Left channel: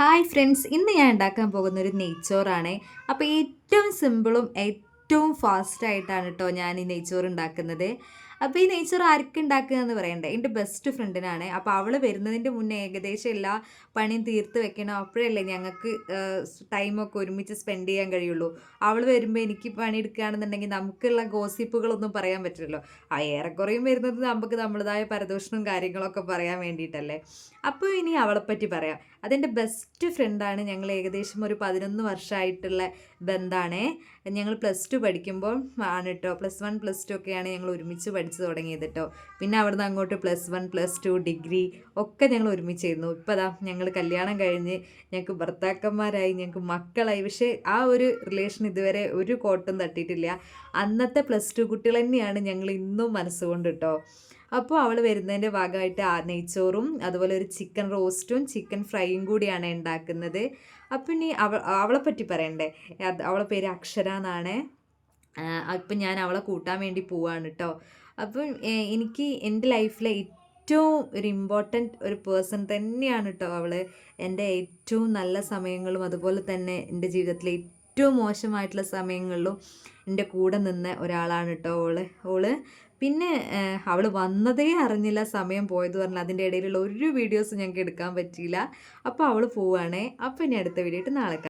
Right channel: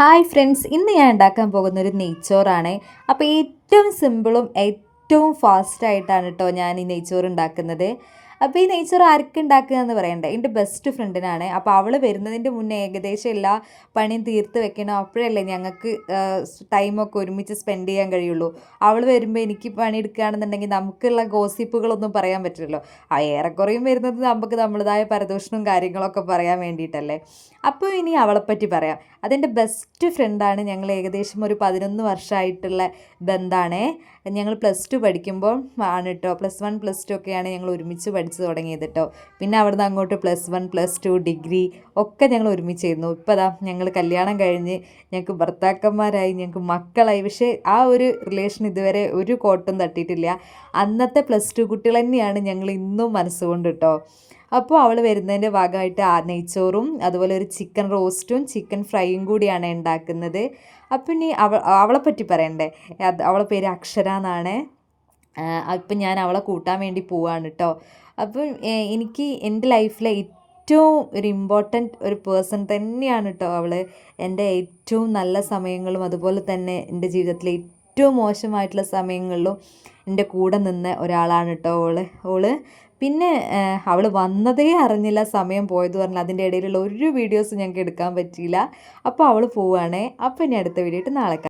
Hi friends, ഇന്ന് ഞാൻ ഉണ്ടാക്കാൻ പോകുന്നൊരു നെയ്ച്ചോറാണ്. അപ്പോൾ ഏറ്റവും സിമ്പിളും ഏറ്റവും ഫാസ്റ്റായിട്ടാണ് കേട്ടോ ഞാൻ ഈ നെയ്ച്ചോറ് ഉണ്ടാക്കുന്നത്. അപ്പോൾ ഈ നെയ്ച്ചോറ് ആർക്ക് ഉണ്ടാക്കുക എന്ന് പറയണ്ടേ, എൻ്റെ ബെസ്റ്റ് ഫ്രണ്ടിനാണ്. അപ്പോൾ അവൾ വരുന്നതിൻ്റെ മുന്നേ ഏകദേശം എല്ലാ പണിയും തീർത്ത് വെക്കണം. അപ്പോഴല്ലേ ഞങ്ങൾക്ക് ടൈമൊക്കെ ഒരുമിച്ച് സ്പെൻഡ് ചെയ്യാൻ കഴിയുള്ളൂ. അവൾ വരുമ്പോൾ എനിക്ക് പണിയെടുക്കുകയാണെന്നുണ്ടെങ്കിൽ നമുക്കുള്ള ഗോസിപ്പുകളൊന്നും പറയാൻ പറ്റില്ലല്ലോ. ഏറെക്കുറയും വരുന്നത് നമുക്ക് നമ്മുടേതായ പരദൂഷണവും കാര്യങ്ങളൊക്കെ പറയാൻ വേണ്ടിയിട്ടല്ലേ. അപ്പോൾ ഇനി അവളെപ്പറ്റി പറയാം. അതെൻ്റെ ബെസ്റ്റ് ഫ്രണ്ടാണ്. ഞങ്ങൾ ഏകദേശം ഒരു 11 വർഷമായിട്ടുള്ള ബന്ധമാണ്. ഞങ്ങൾ +2 പഠിക്കുമ്പോൾ ആണ് കേട്ടോ. +1 +2 ഒക്കെയാണ് ഞങ്ങൾ ഒരുമിച്ച് പഠിച്ചു തുടങ്ങിയത് കേട്ടോ. പിന്നെ അവിടുന്ന് അങ്ങോട്ട് +1 +2 ഡിഗ്രി ഒക്കെ ഞങ്ങൾ ഒരുമിച്ചായിരുന്നു. ഇപ്പോൾ അതാ ഞങ്ങൾ കല്യാണം കഴിഞ്ഞ് ഞങ്ങൾക്ക് ഭർത്താക്കന്മാരായി, ഞങ്ങൾക്ക് മക്കളായി. പക്ഷേ ആ ഒരു റിലേഷൻ ഇതുവരെ ഒരു കോട്ടും തട്ടിയിട്ടില്ല. അന്നത്തെ +2 കുട്ടികൾ തന്നെയാണ് ഞങ്ങൾ ഇന്നും മനസ്സുകൊണ്ട് കേട്ടോ. അപ്പോൾ അവൾ വരുന്നതിൻ്റെ ഭാഗമായിട്ട് നെയ്ച്ചോറും അതുപോലെ ഒരു ചിക്കൻ റോസ്റ്റും ചിക്കൻ ഫ്രൈയും കൂടിയാണ് ഉണ്ടാക്കുന്നത്. അപ്പം ഇനി അവളെപ്പറ്റി പറയണ്ടേ. അവളെ പേര് അക്ഷര എന്നാണ്. അപ്പം ഞാൻ അവളെ കൂട്ടാൻ വേണ്ടി പോവാണ് കേട്ടോ. അപ്പം എനിക്ക് എൻ്റെ ലൈഫിലെ ഏറ്റവും ഒരു ഇമ്പോർട്ടൻറ്റ് ഒരു പേഴ്സൺ തന്നെയാണ് കേട്ടോ അവൾ. എൻ്റെ ഏറ്റവും നല്ല സമയങ്ങളും അതുപോലെ തന്നെ എൻ്റെ ജീവിതത്തിലെ ഏറ്റവും മോശമായിട്ടുള്ള സമയങ്ങളിലും എൻ്റെ കൂടെ നിന്ന ഒരാളാണ് കേട്ടോ ഓള്. പിന്നെ അവൾ വന്നതേ അറിഞ്ഞില്ല സമയം പോയത് പറഞ്ഞാൽ. അതിൻ്റെ ഇടയിലുള്ള ഒരു വീഡിയോസ് ഞങ്ങൾക്ക് എടുക്കാൻ പറ്റിയില്ല. അപ്പോൾ അവൾ പോവുകയാണേ. അപ്പോൾ ഇനി അടുത്ത വീഡിയോ ആയിട്ട് നാളെ